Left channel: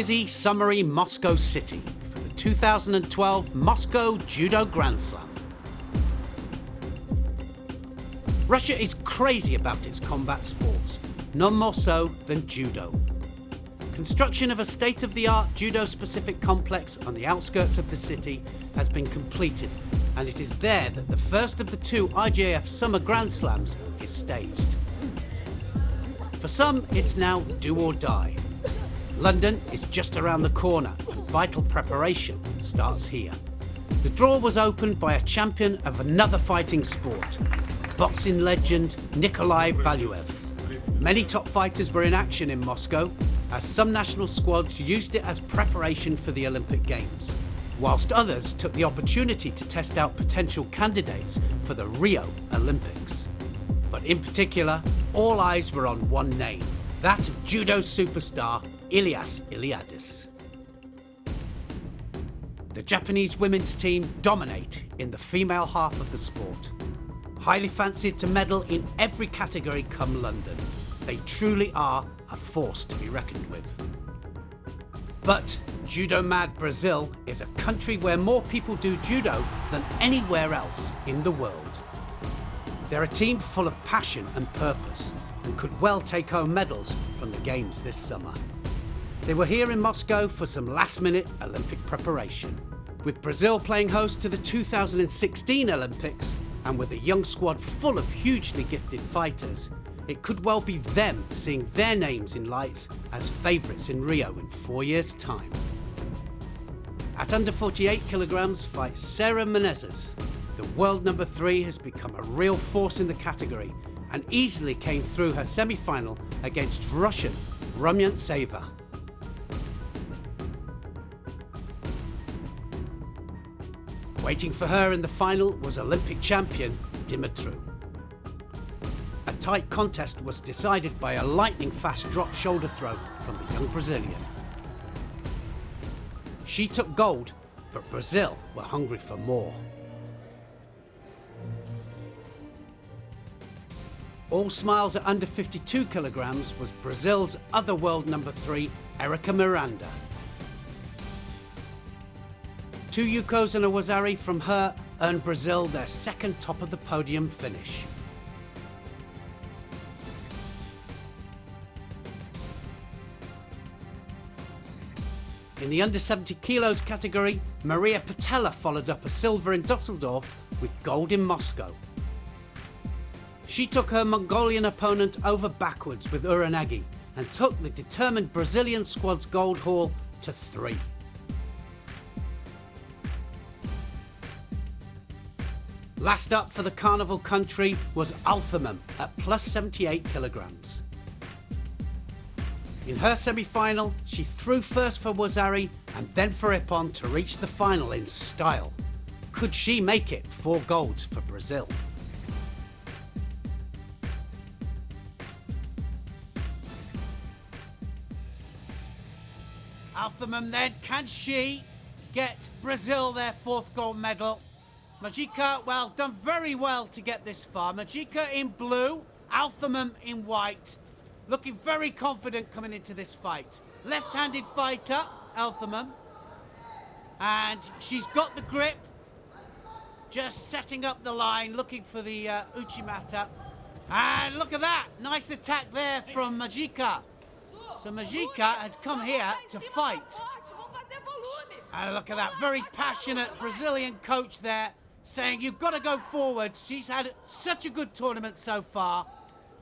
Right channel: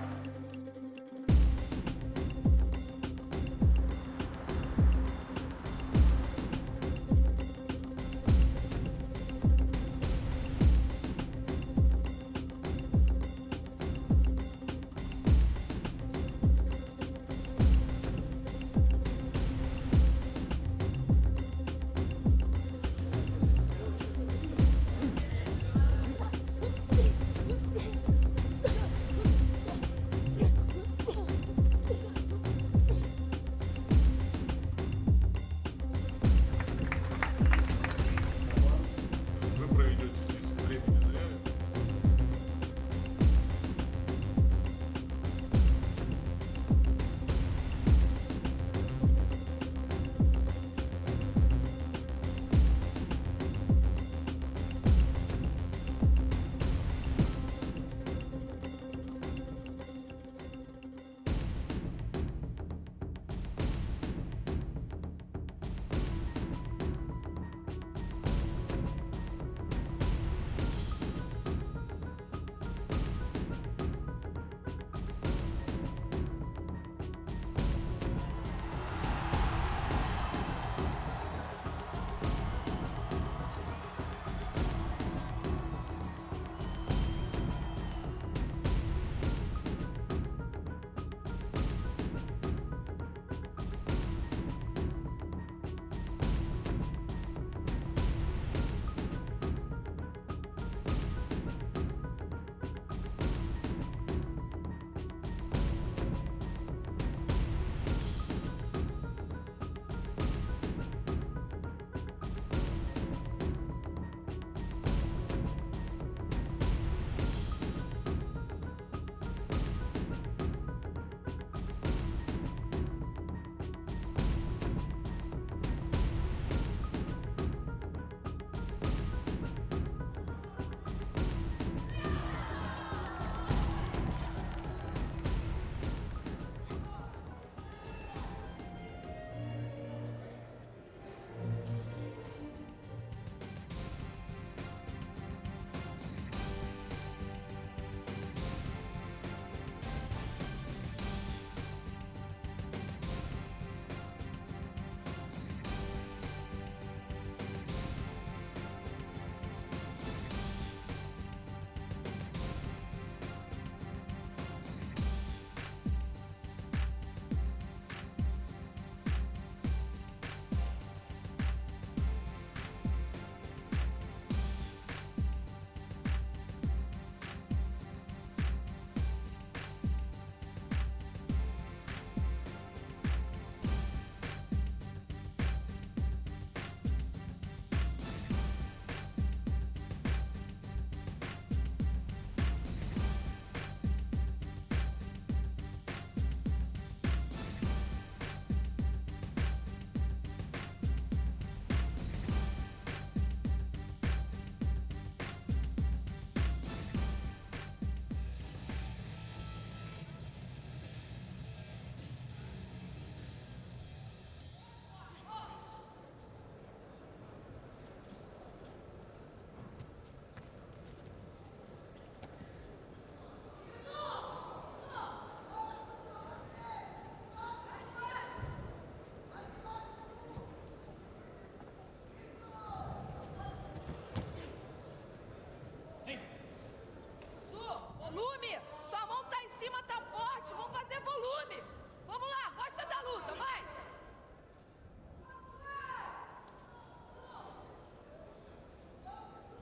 busy, summery Moscow City for the 2012 Moscow Judo Grand Slam. Russia is crazy about its combat sports, none more so than judo. Construction of a state-of-the-art judo-specific complex on the outskirts of the city has been completed, and it is there that the first of the two IJF Summer Grand Slams is staged. For some, it's now do or die. London is just around the corner. Vital preparation starts here. The draw was opened by a champion of another fighting sport, boxing legend Nikolai Valuev. Many top fighters were in action in Moscow, as some national squads used it as preparation for the Olympic Games, whilst others took the opportunity to test out potential candidates for the Rio Olympics. But in particular, all eyes were on one name, that of judo superstar Ilias Iliadis. The Japanese women's team dominate in the female half of the sport. Highly fancied to medal in every category come London. They truly are a force to be reckoned with. But judo-mad Brazil is a country where more people do judo than anywhere else in the world. They're a team full of passion and purpose, and could well take home medals from the Games this summer. They were here in Moscow for some last-minute Olympic preparation. With Brazil playing host to the 2016 Olympics, and with a young squad full of hugely gifted fighters, it could well be them seeing their names in lights as favourites in Rio in 4 years' time. At under 48 kilograms fights Sarah Menezes. The world number 3 has become a real force in the category and easily came through her semi-final against Russian Rumyantseva. Waiting for her in the final was Olympic champion Dimitru. A tight contest was decided by a lightning-fast drop shoulder throw from the young Brazilian. She took gold, but Brazil were hungry for more. All smiles at under 52 kilograms was Brazil's other world number 3, Erica Miranda. 2 yukos and a wazari from her earned Brazil their second top of the podium finish. In the under 70 kilos category, Maria Patella followed up a silver in Dusseldorf with gold in Moscow. She took her Mongolian opponent over backwards with Uranagi and took the determined Brazilian squad's gold haul to 3. Last up for the carnival country was Alphamem at plus 78 kilograms. In her semi-final, she threw first for Wazari and then for Ippon to reach the final in style. Could she make it 4 golds for Brazil? Alphamem then, can she get Brazil their 4th gold medal? Majika, well, done very well to get this far. Majika in blue, Alphamem in white. Looking very confident coming into this fight. Left-handed fighter, Alphamem. And she's got the grip. Just setting up the line, looking for the Uchimata. And look at that, nice attack there from Majika. So Majika has come here to fight. And look at that, very passionate Brazilian coach there, saying you've got to go forward. She's had such a good tournament so far.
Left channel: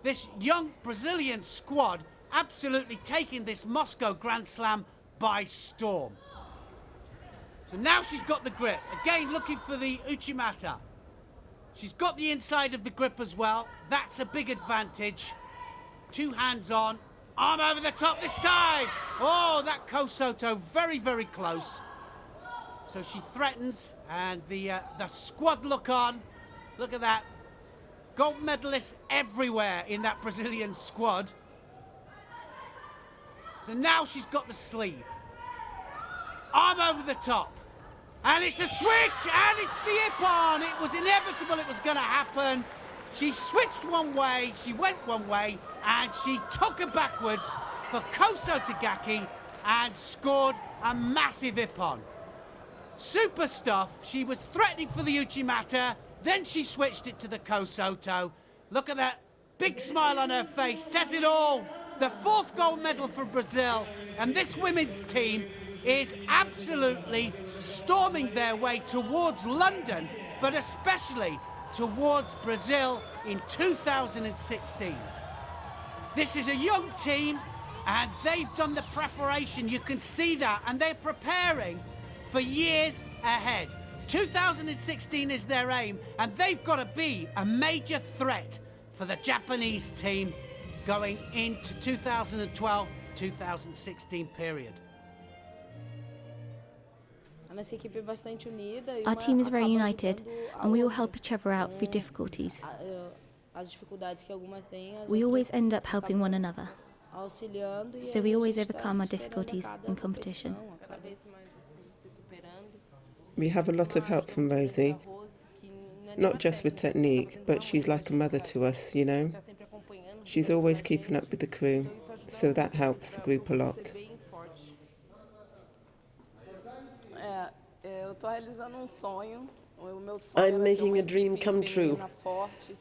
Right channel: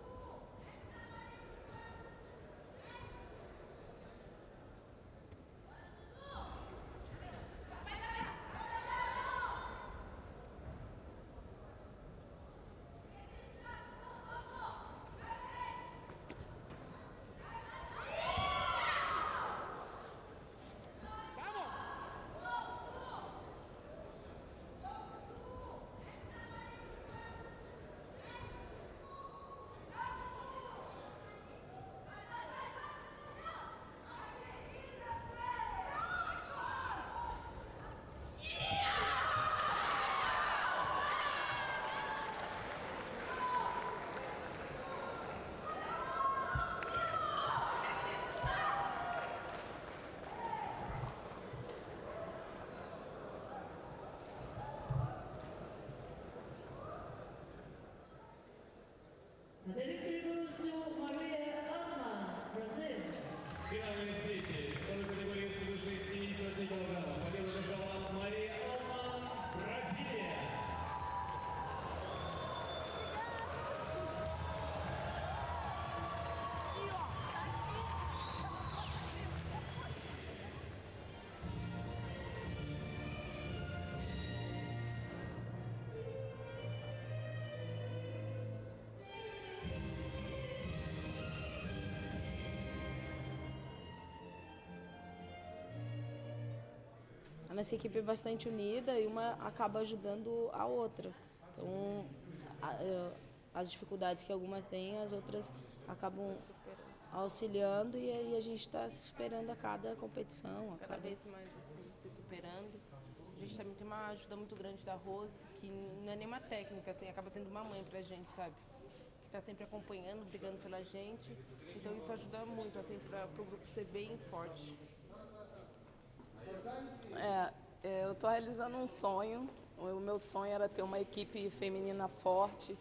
This young Brazilian squad absolutely taking this Moscow Grand Slam by storm. So now she's got the grip. Again, looking for the Uchimata. She's got the inside of the grip as well. That's a big advantage. 2 hands on. Arm over the top this time. Oh, that Kosoto very, very close. So she threatens, and the squad look on. Look at that. Gold medalists everywhere in that Brazilian squad. So now she's got the sleeve. Arm over the top. And it's a switch, and it's the Ippon. It was inevitable it was going to happen. She switched one way, she went one way, and she took it backwards for Koso Tagaki, and scored a massive ippon. Super stuff. She was threatening for the Uchimata, then she switched it to the Kosoto. Look at that big smile on her face, says it all. The 4th gold medal for Brazil, and this women's team is absolutely storming their way towards London, but especially towards Brazil in 2016. This is a young team, and they've done the preparation. You can see that, and they're preparing for years ahead. 2016 is their aim, and they've got to be a major threat for the Japanese team going into 2012-2016 period. Our team is very united, and we all help each other out through difficulties. We always end up helping one another, so we always overcome our difficulties in competition. We have a lot of help from Rosie, not just with technique, but she's like a mother to us, you know. She's always keeping up with the crew, so that helps the group a lot. I'm making a dream come true.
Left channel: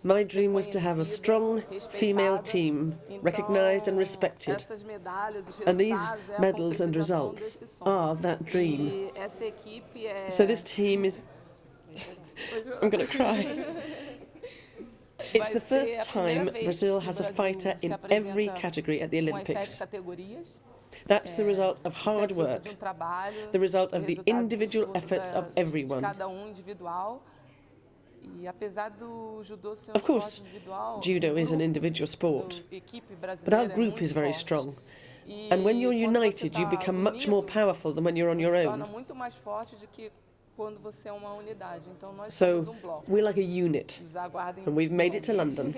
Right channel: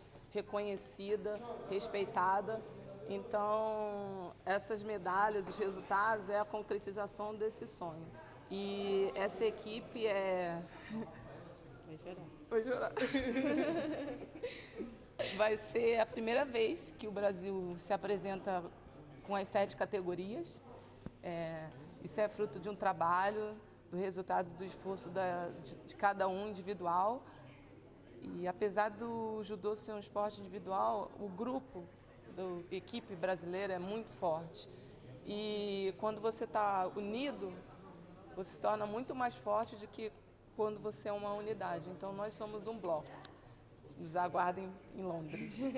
My dream was to have a strong female team, recognized and respected. And these medals and results are that dream. So this team is... I'm going to cry. It's the first time Brazil has a fighter in every category at the Olympics. That's the result of hard work, the result of the individual efforts of everyone. Of course, judo is an individual sport, but our group is very strong. And when you're united, you become much more powerful than when you're on your own. So, we're like a unit, and we've made it to London.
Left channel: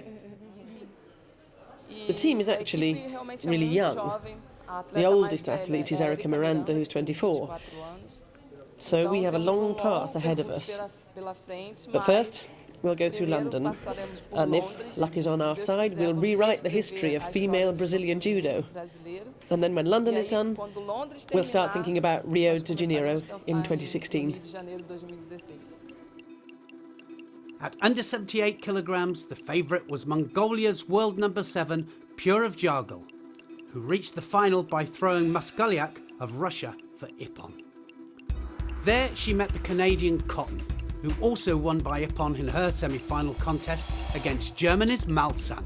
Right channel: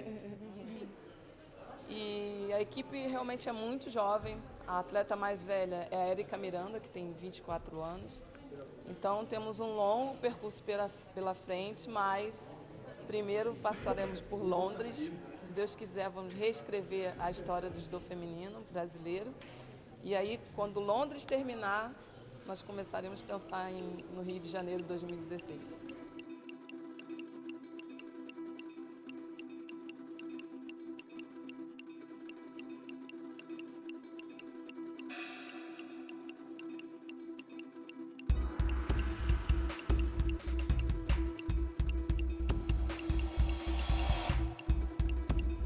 The team is actually really young. The oldest athlete is Erica Miranda, who's 24. So we have a long path ahead of us. But first, we'll go through London, and if luck is on our side, we'll rewrite the history of female Brazilian judo. And then when London is done, we'll start thinking about Rio de Janeiro in 2016. At under 78 kilograms, the favourite was Mongolia's world number 7, Pure Jargal, who reached the final by throwing Muskuliak of Russia for ippon. There she met the Canadian Cotton, who also won by ippon in her semi-final contest against Germany's Malsan.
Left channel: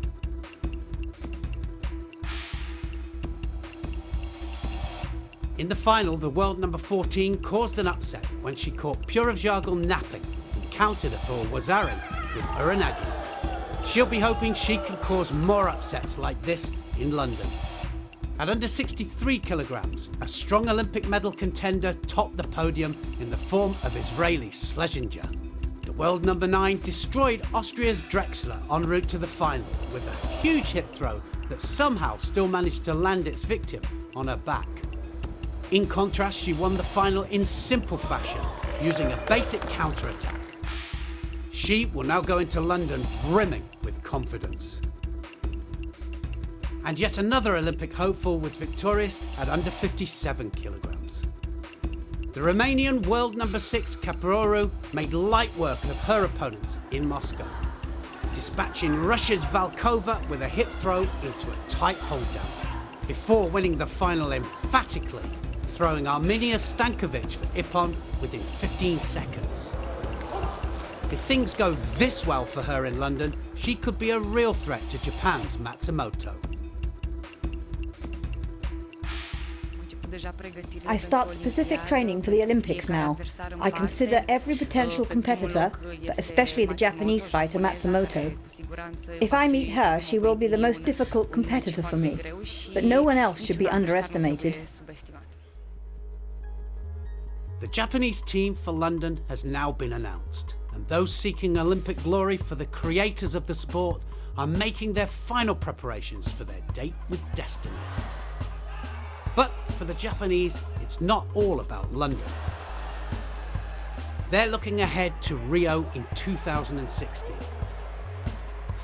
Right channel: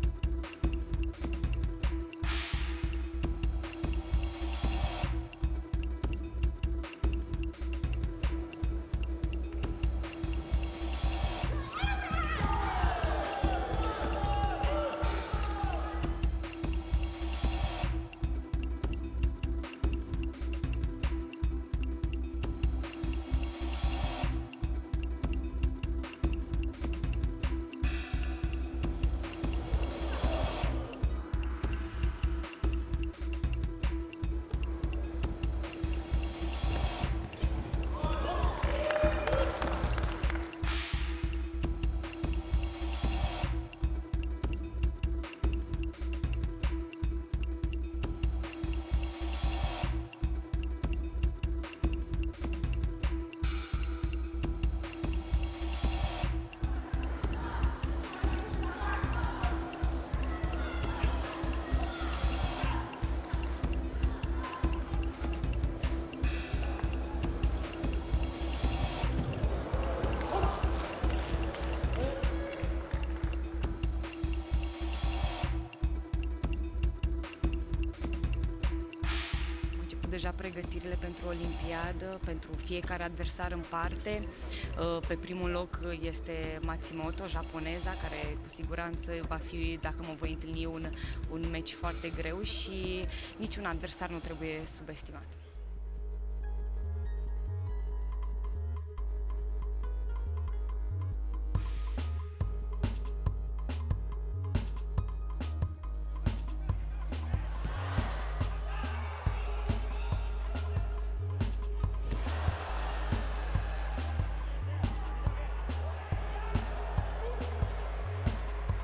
In the final, the world number 14 caused an upset when she caught Pure Jargal napping and countered it for Wazari with Uranagi. She'll be hoping she can cause more upsets like this in London. At under 63 kilograms, a strong Olympic medal contender topped the podium in the form of Israeli Schlesinger. The world number 9 destroyed Austria's Drexler en route to the final with a huge hip throw that somehow still managed to land its victim on her back. In contrast, she won the final in simple fashion, using a basic counter-attack. She will now go into London brimming with confidence. And yet another Olympic hopeful was victorious at under 57 kilograms. The Romanian world number 6 Caprioru made light work of her opponents in Moscow, dispatching Russia's Valkova with a hip throw into a tight holdout, before winning the final emphatically, throwing Arminia Stankovic for ippon within 15 seconds. If things go this well for her in London, she could be a real threat to Japan's Matsumoto. I start specific training for the Olympics now. I consider every potential competitor, but especially the Japanese fighter Matsumoto. If I meet her, she will be the most difficult competitor for me, but no one else should be underestimated. The Japanese team for London has now been announced, and those seeking Olympic glory for the creators of the sport are making their final preparations for their date with destiny. But for the Japanese, it's not all about London. They're looking ahead to Rio in 2016.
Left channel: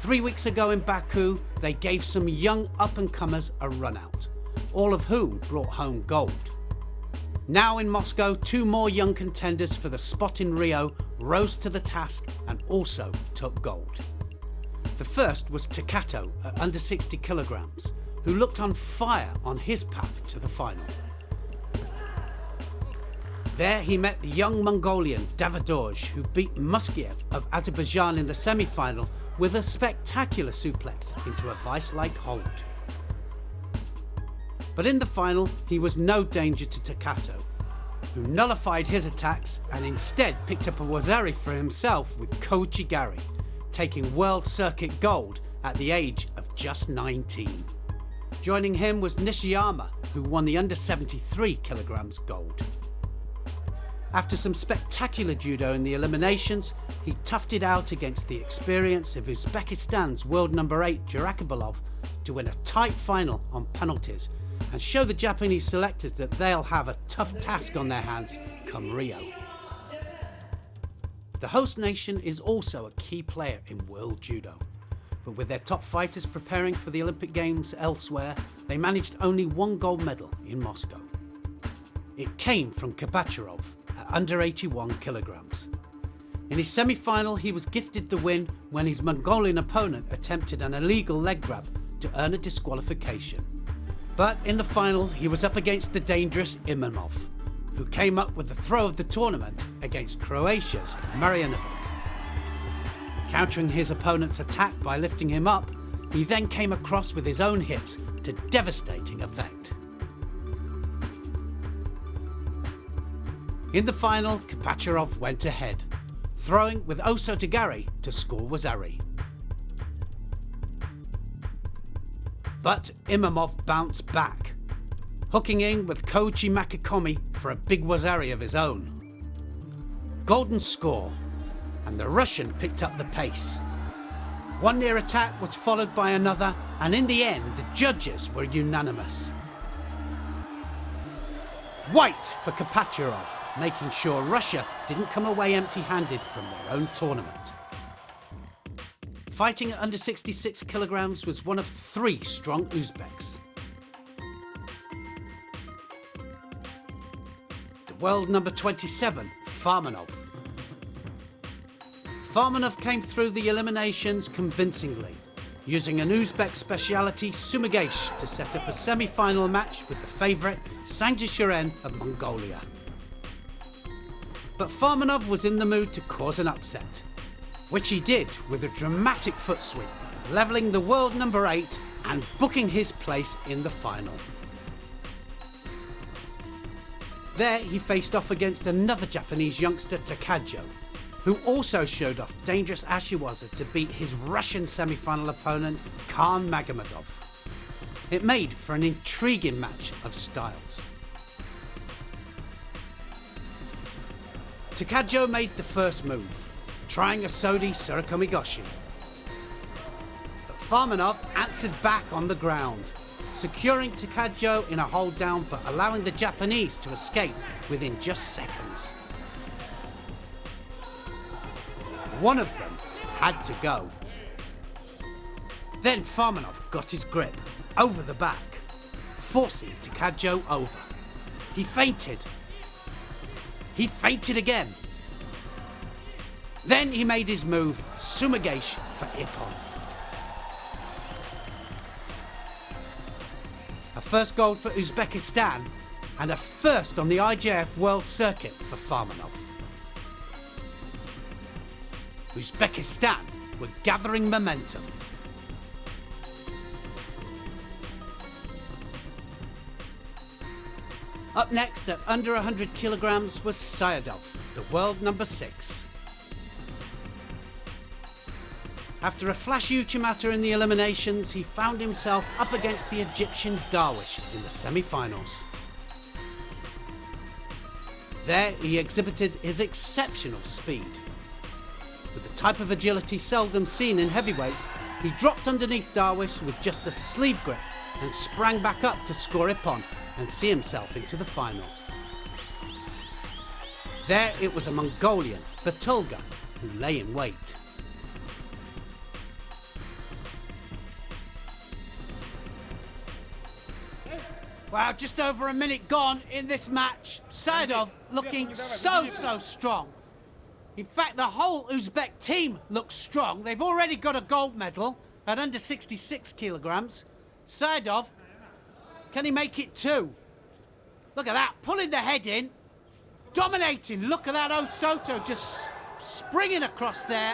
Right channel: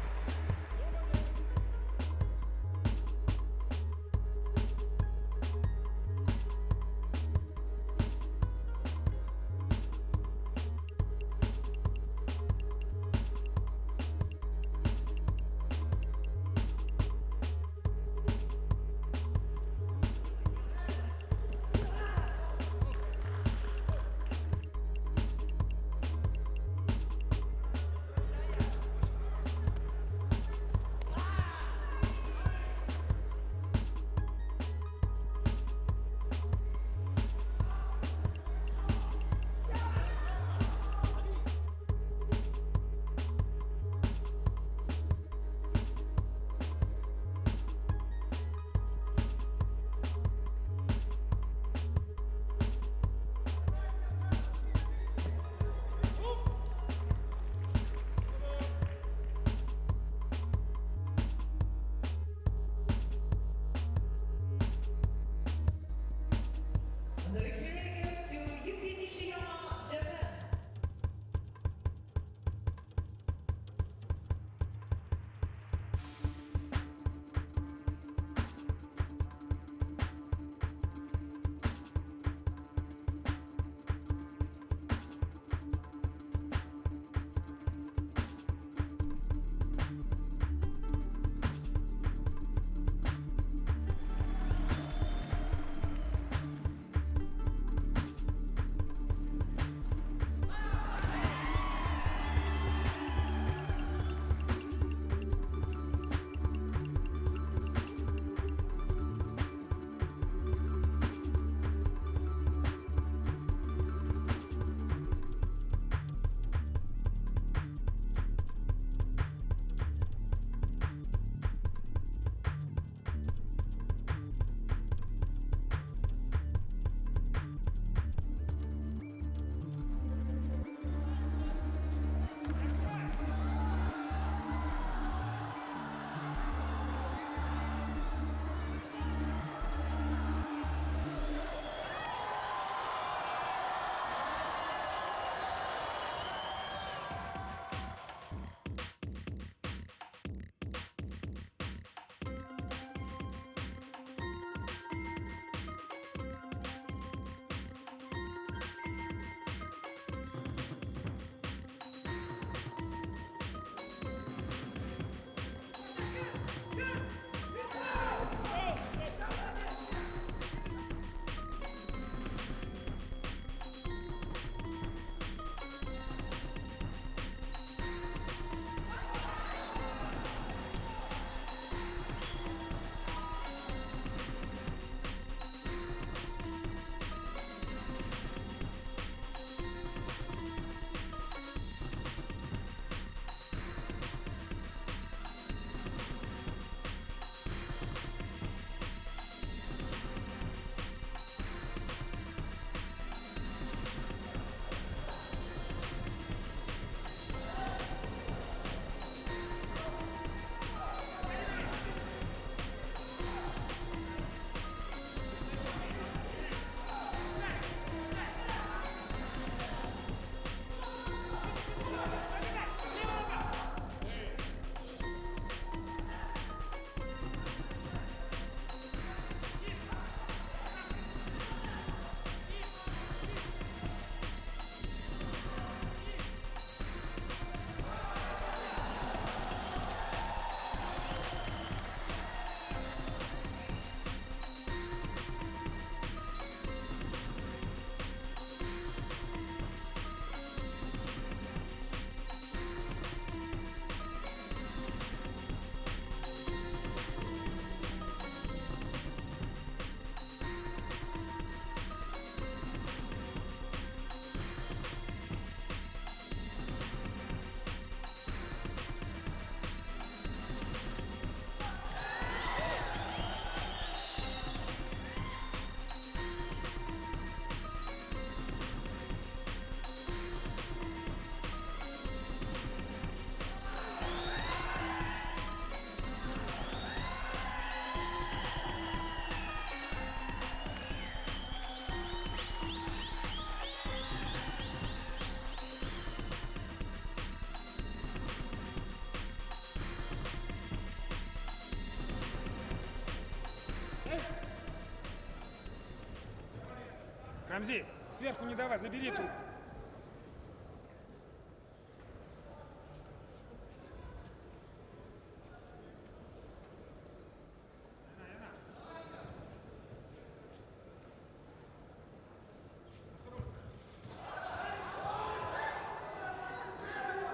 3 weeks ago in Baku, they gave some young up-and-comers a run out, all of whom brought home gold. Now in Moscow, 2 more young contenders for the spot in Rio rose to the task and also took gold. The first was Kata at under 60 kilograms, who looked on fire on his path to the final. There he met the young Mongolian Davidorj, who beat Muskiev of Azerbaijan in the semi-final with a spectacular suplex into a vice-like hold. But in the final, he was no danger to Takato, who nullified his attacks and instead picked up a wazari for himself with Koichi Gari, taking World Circuit gold at the age of just 19. Joining him was Nishiyama, who won the under 73 kilograms gold. After some spectacular judo in the eliminations, he toughed it out against the experience of Uzbekistan's world number 8 Jurakabilov to win a tight final on penalties and show the Japanese selectors that they'll have a tough task on their hands come Rio. The host nation is also a key player in world judo, but with their top fighters preparing for the Olympic Games elsewhere, they managed only 1 gold medal in Moscow. It came from Kapacharov at under 81 kilograms. In his semi-final, he was gifted the win when his Mongolian opponent attempted an illegal leg grab to earn a disqualification. But in the final, he was up against the dangerous Imamov, who came up with the throw of the tournament against Croatia's Marjanovic. Countering his opponent's attack by lifting him up, he then came across with his own hips to devastating effect. In the final, Kapacharov went ahead, throwing with Osotogari to score wazari. But Imamov bounced back, hooking in with Koichi Makikomi for a big wazari of his own. Golden score, and the Russian picked up the pace. One near attack was followed by another, and in the end, the judges were unanimous. White for Kapacharov, making sure Russia didn't come away empty-handed from their own tournament. Fighting at under 66 kilograms was one of 3 strong Uzbeks. The world number 27, Farmanov. Farmanov came through the eliminations convincingly, using an Uzbek speciality Sumigesh to set up a semi-final match with the favourite Sanjashiren of Mongolia. But Farmanov was in the mood to cause an upset, which he did with a dramatic foot sweep, levelling the world number 8 and booking his place in the final. There he faced off against another Japanese youngster, Takajo, who also showed off dangerous Ashiwaza to beat his Russian semi-final opponent, Khan Magomedov. It made for an intriguing match of styles. Takajo made the first move, trying a Sodi Surakomigoshi. But Farmanov answered back on the ground, securing Takajo in a hold down but allowing the Japanese to escape within just seconds. One of them had to go. Then Farmanov got his grip over the back, forcing Takajo over. He fainted. He fainted again. Then he made his move, Sumigesh for Ippon. A first gold for Uzbekistan and a first on the IJF World Circuit for Farmanov. Uzbekistan were gathering momentum. Up next at under 100 kilograms was Sayadov, the world number 6. After a flashy Uchimata in the eliminations, he found himself up against the Egyptian Darwish in the semi-finals. There he exhibited his exceptional speed. With the type of agility seldom seen in heavyweights, he dropped underneath Darwish with just a sleeve grip and sprang back up to score Ippon and see himself into the final. There it was a Mongolian, Batulga, who lay in wait. Wow, just over a minute gone in this match. Saidov looking so strong. In fact, the whole Uzbek team looks strong. They've already got a gold medal at under 66 kilograms. Saidov, can he make it too? Look at that, pulling the head in, dominating. Look at that Osoto just springing across there.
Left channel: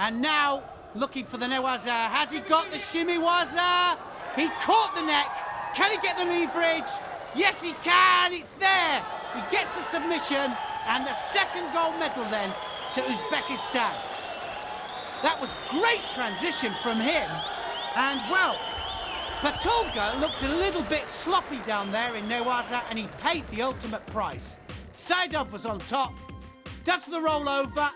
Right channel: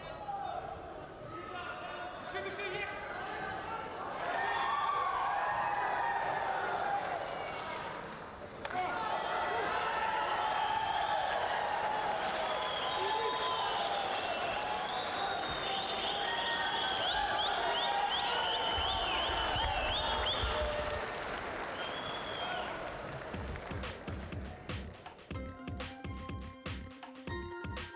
And now looking for the Newaza. Has he got the Shimiwaza? He caught the neck. Can he get the leverage? Yes, he can. It's there. He gets the submission and the second gold medal then to Uzbekistan. That was great transition from him. And well, Patulga looked a little bit sloppy down there in Newaza and he paid the ultimate price. Saidov was on top, does the rollover,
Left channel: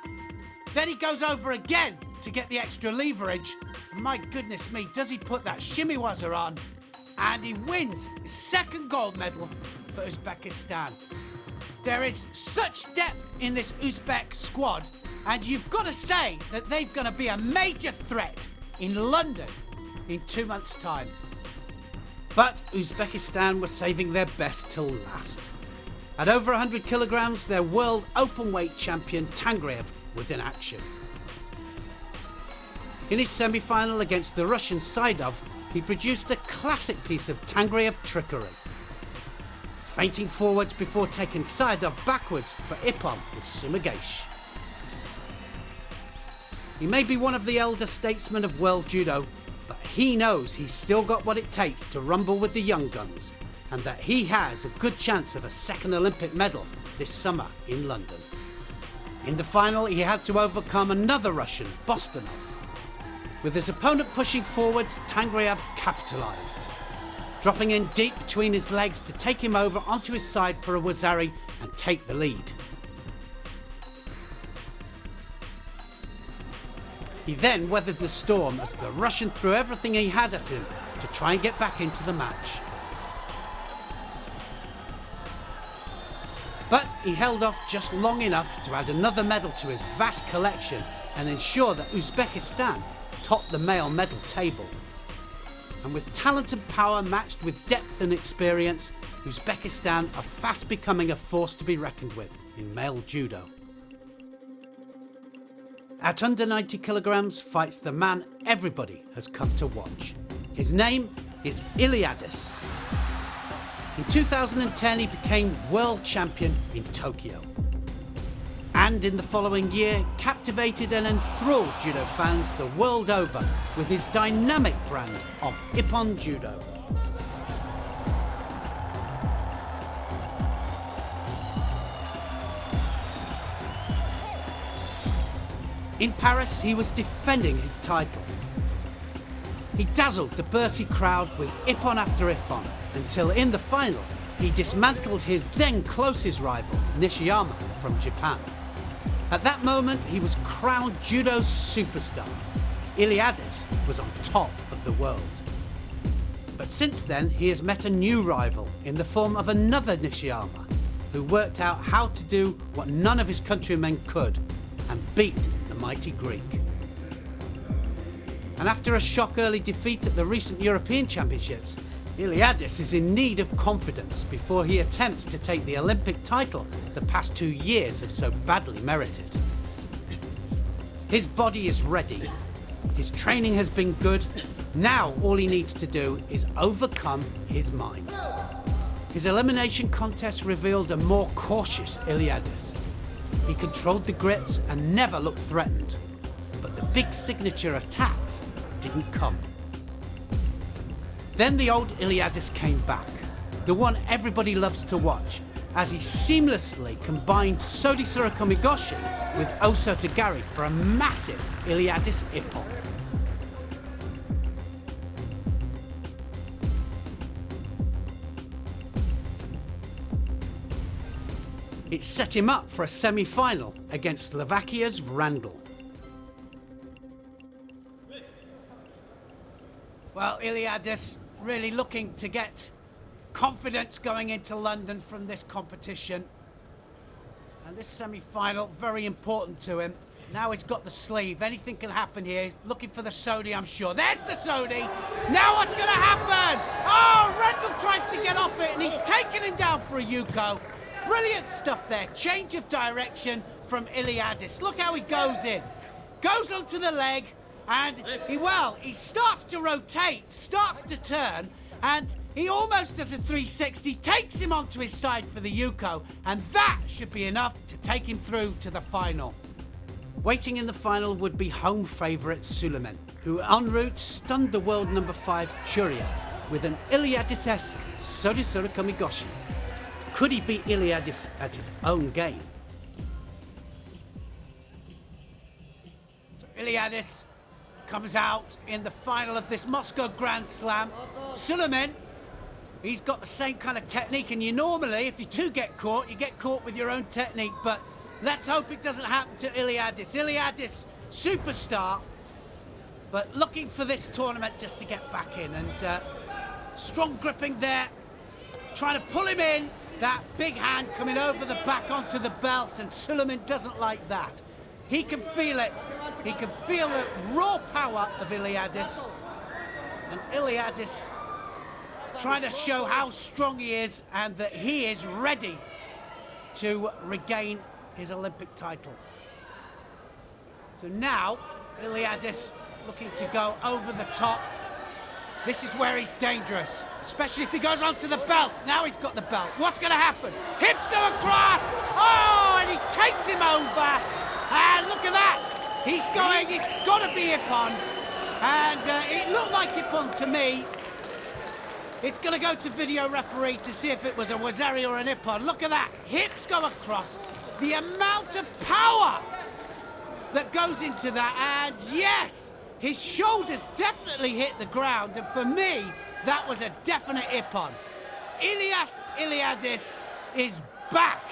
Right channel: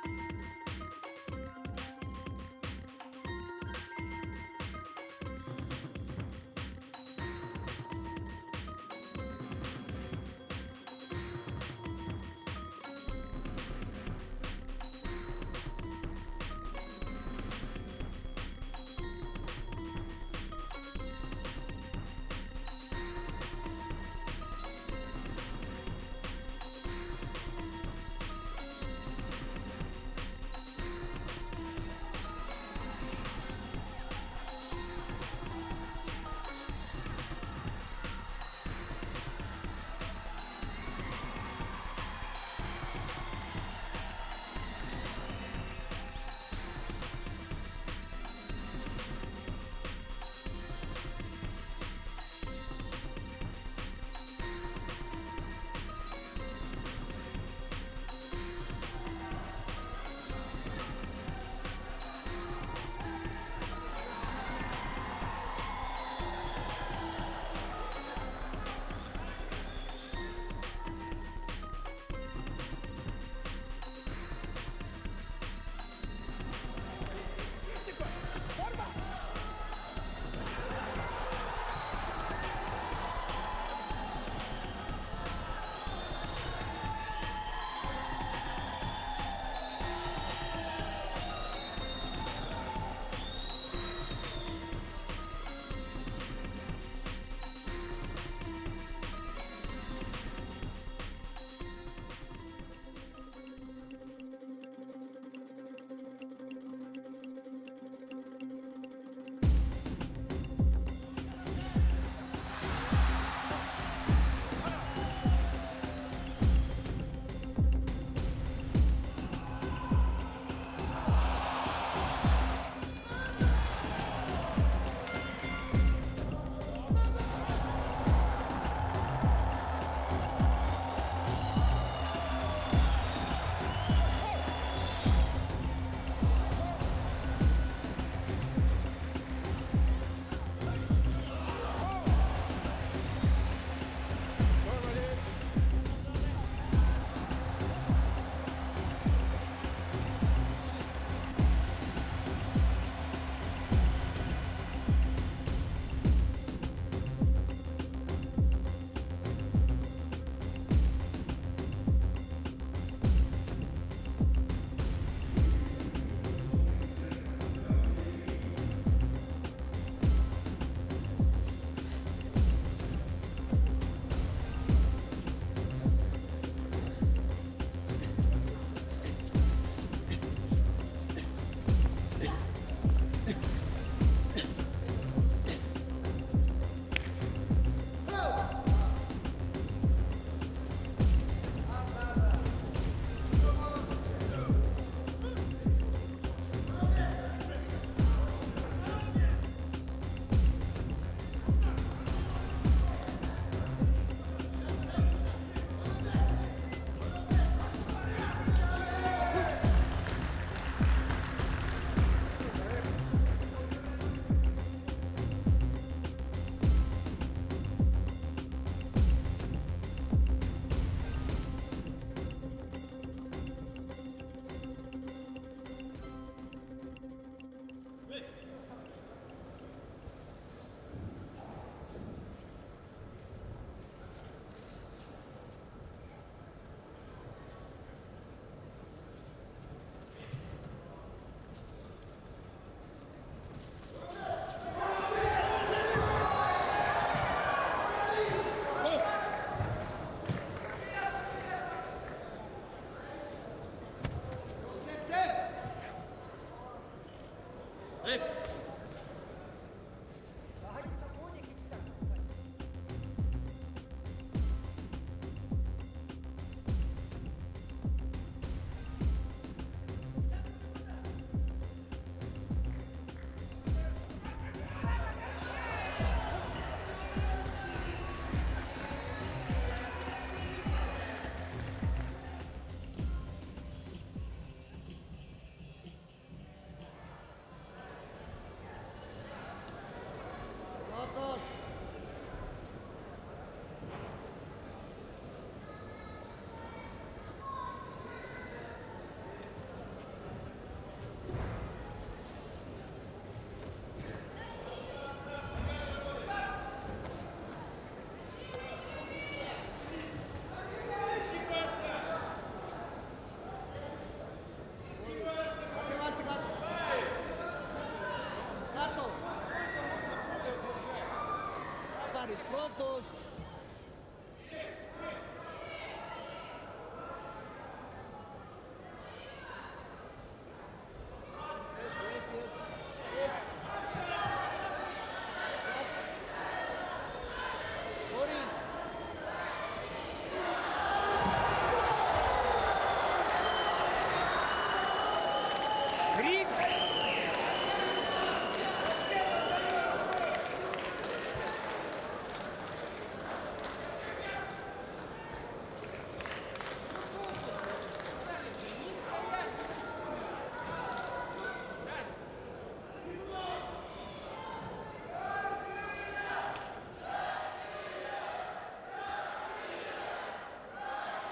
then he goes over again to get the extra leverage. My goodness me, does he put that Shimiwaza on? And he wins his second gold medal for Uzbekistan. There is such depth in this Uzbek squad, and you've got to say that they're going to be a major threat in London in 2 months' time. But Uzbekistan was saving their best till last. At over 100 kilograms, their world openweight champion Tangreev was in action. In his semi-final against the Russian Saidov, he produced a classic piece of Tangreev trickery. Feinting forwards before taking Saidov backwards for Ippon with Sumigesh. He may be one of the elder statesmen of world judo, but he knows he's still got what it takes to rumble with the young guns, and that he has a good chance of a second Olympic medal this summer in London. In the final, he had to overcome another Russian, Bostonov. With his opponent pushing forwards, Tangreev capitalised, dropping in deep between his legs to take him over onto his side for a wazari and take the lead. He then weathered the storm as the Russian threw everything he had at him to try and get back into the match. But he held off just long enough to add another medal to his vast collection and ensure that Uzbekistan topped the male medal table. And with talent and power matched with depth and experience, Uzbekistan are fast becoming a force to be reckoned with in male judo. At under 90 kilograms fights the man everybody has come to watch. His name is Iliadis. In 2010 he became world champion in Tokyo. And in the following year, captivated and enthralled judo fans the world over with his dynamic brand of Ippon Judo. In Paris, he was defending his title. He dazzled the Bercy crowd with Ippon after Ippon, until in the final, he dismantled his then closest rival, Nishiyama from Japan. At that moment, he was crowned judo's superstar. Iliadis was on top of the world. But since then, he has met a new rival in the form of another Nishiyama, who worked out how to do what none of his countrymen could, and beat the mighty Greek. And after a shock early defeat at the recent European Championships, Iliadis is in need of confidence before he attempts to take the Olympic title the past 2 years have so badly merited. His body is ready, his training has been good, now all he needs to do is overcome his mind. His elimination contest revealed a more cautious Iliadis. He controlled the grips and never looked threatened, but the big signature attacks didn't come. Then the old Iliadis came back, the one everybody loves to watch, as he seamlessly combined Sodi Surakomigoshi with Oso Tagari for a massive Iliadis Ippon. It set him up for a semi-final against Slovakia's Randall. Well, Iliadis really looking to get confidence going into London from this competition. And this semi-final, very important to him. Now he's got the sleeve. Anything can happen here. He's looking for the Sodi, I'm sure. There's the Sodi. Now what's going to happen? Oh, Rendell tries to get off it, and he's taken him down for a Yuko. Brilliant stuff there. Change of direction from Iliadis. Look how he goes in. Goes onto the leg, and he starts to rotate, starts to turn, and he almost does a 360, takes him onto his side for the Yuko, and that should be enough to take him through to the final. Waiting in the final would be home favourite Suleiman, who en route stunned the world number 5 Churiev with an Iliadis-esque Sodi Kamigoshi. Could he beat Iliadis at his own game? Iliadis comes out in the final of this Moscow Grand Slam. Suleiman, he's got the same kind of technique, and you normally, if you do get caught, you get caught with your own technique, but let's hope it doesn't happen to Iliadis. Iliadis, superstar, but looking for this tournament just to get back in, and strong gripping there, trying to pull him in, that big hand coming over the back onto the belt, and Suleiman doesn't like that. He can feel it. He can feel the raw power of Iliadis. And Iliadis trying to show how strong he is and that he is ready to regain his Olympic title. So now, Iliadis looking to go over the top. This is where he's dangerous, especially if he goes onto the belt. Now he's got the belt. What's going to happen? Hips go across. Oh, and he takes him over. And look at that. He's going, it's got to be Ippon. And it looked like Ippon to me. It's going to go to video referee to see if it was a Wazari or an Ippon. Look at that. Hips go across. The amount of power that goes into that. And yes, his shoulders definitely hit the ground. And for me, that was a definite Ippon. Iliadis is back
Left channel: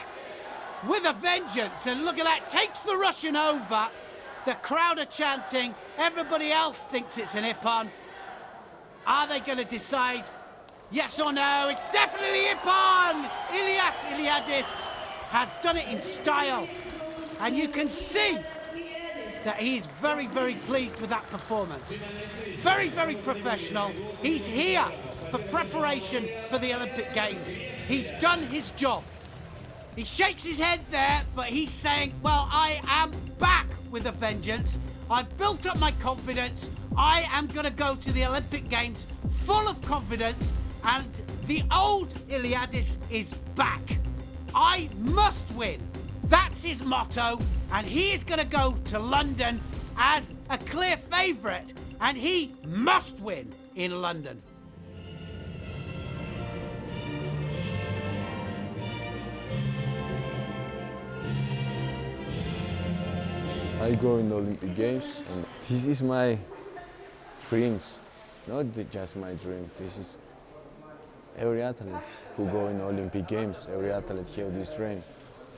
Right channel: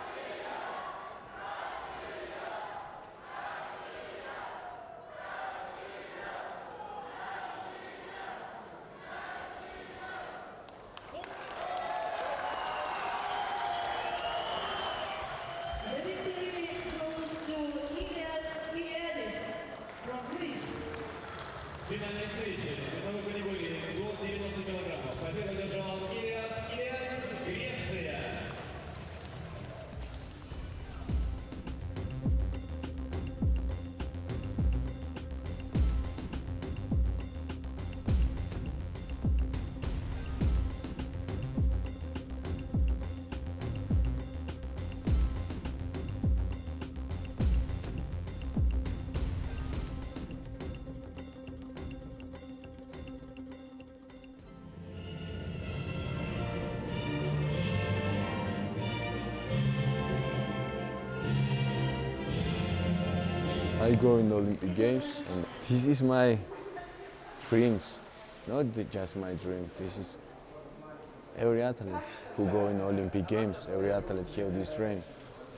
with a vengeance, and look at that, takes the Russian over. The crowd are chanting, everybody else thinks it's an Ippon. Are they going to decide yes or no? It's definitely Ippon! Iliadis has done it in style, and you can see that he's very, very pleased with that performance. Very, very professional. He's here for preparation for the Olympic Games. He's done his job. He shakes his head there, but he's saying, well, I am back with a vengeance. I've built up my confidence. I am going to go to the Olympic Games full of confidence, and the old Iliadis is back. I must win. That's his motto, and he is going to go to London as a clear favourite, and he must win in London. I go in the Olympic Games, and this is my dreams, not just my dream. This is every athlete who go in the Olympic Games, every athlete have this dream,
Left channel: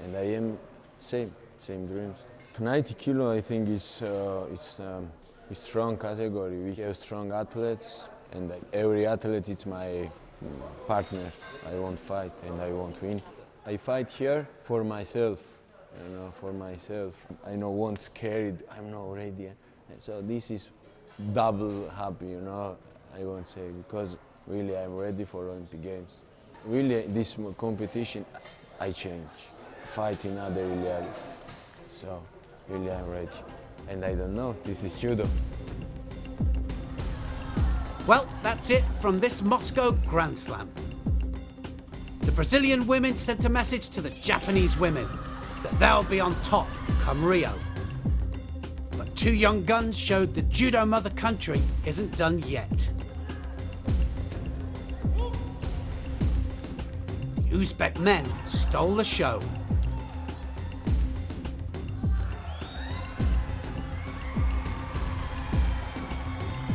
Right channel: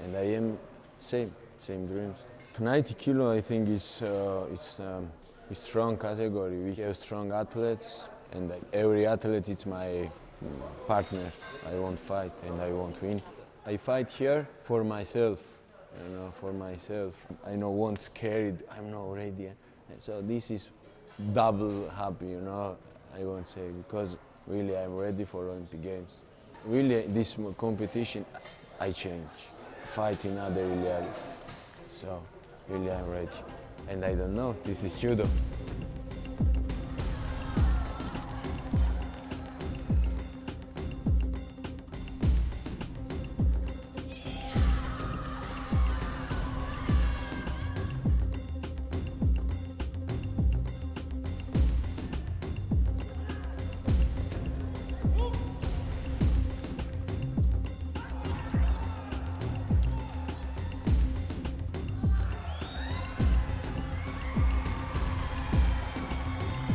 and I am same dreams. 90 kilo, I think, is strong category. We have strong athletes, and every athlete is my partner. I want fight and I want win. I fight here for myself. You know, for myself. I know once scared, I'm not ready. So this is double happy, you know, I won't say, because really I'm ready for Olympic Games. Really, this competition, I change. Fight in other reality. So really I'm ready. And I don't know, this is judo. Well, that's it from this Moscow Grand Slam. The Brazilian women sent a message to the Japanese women. They'll be on top come Rio. But two young guns showed the judo mother country isn't done yet. The Uzbek men stole the show.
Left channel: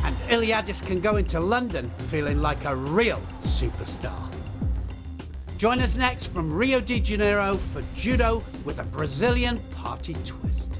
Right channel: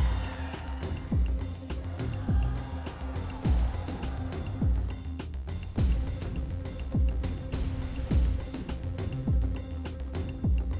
And Iliadis can go into London feeling like a real superstar. Join us next from Rio de Janeiro for judo with a Brazilian party twist.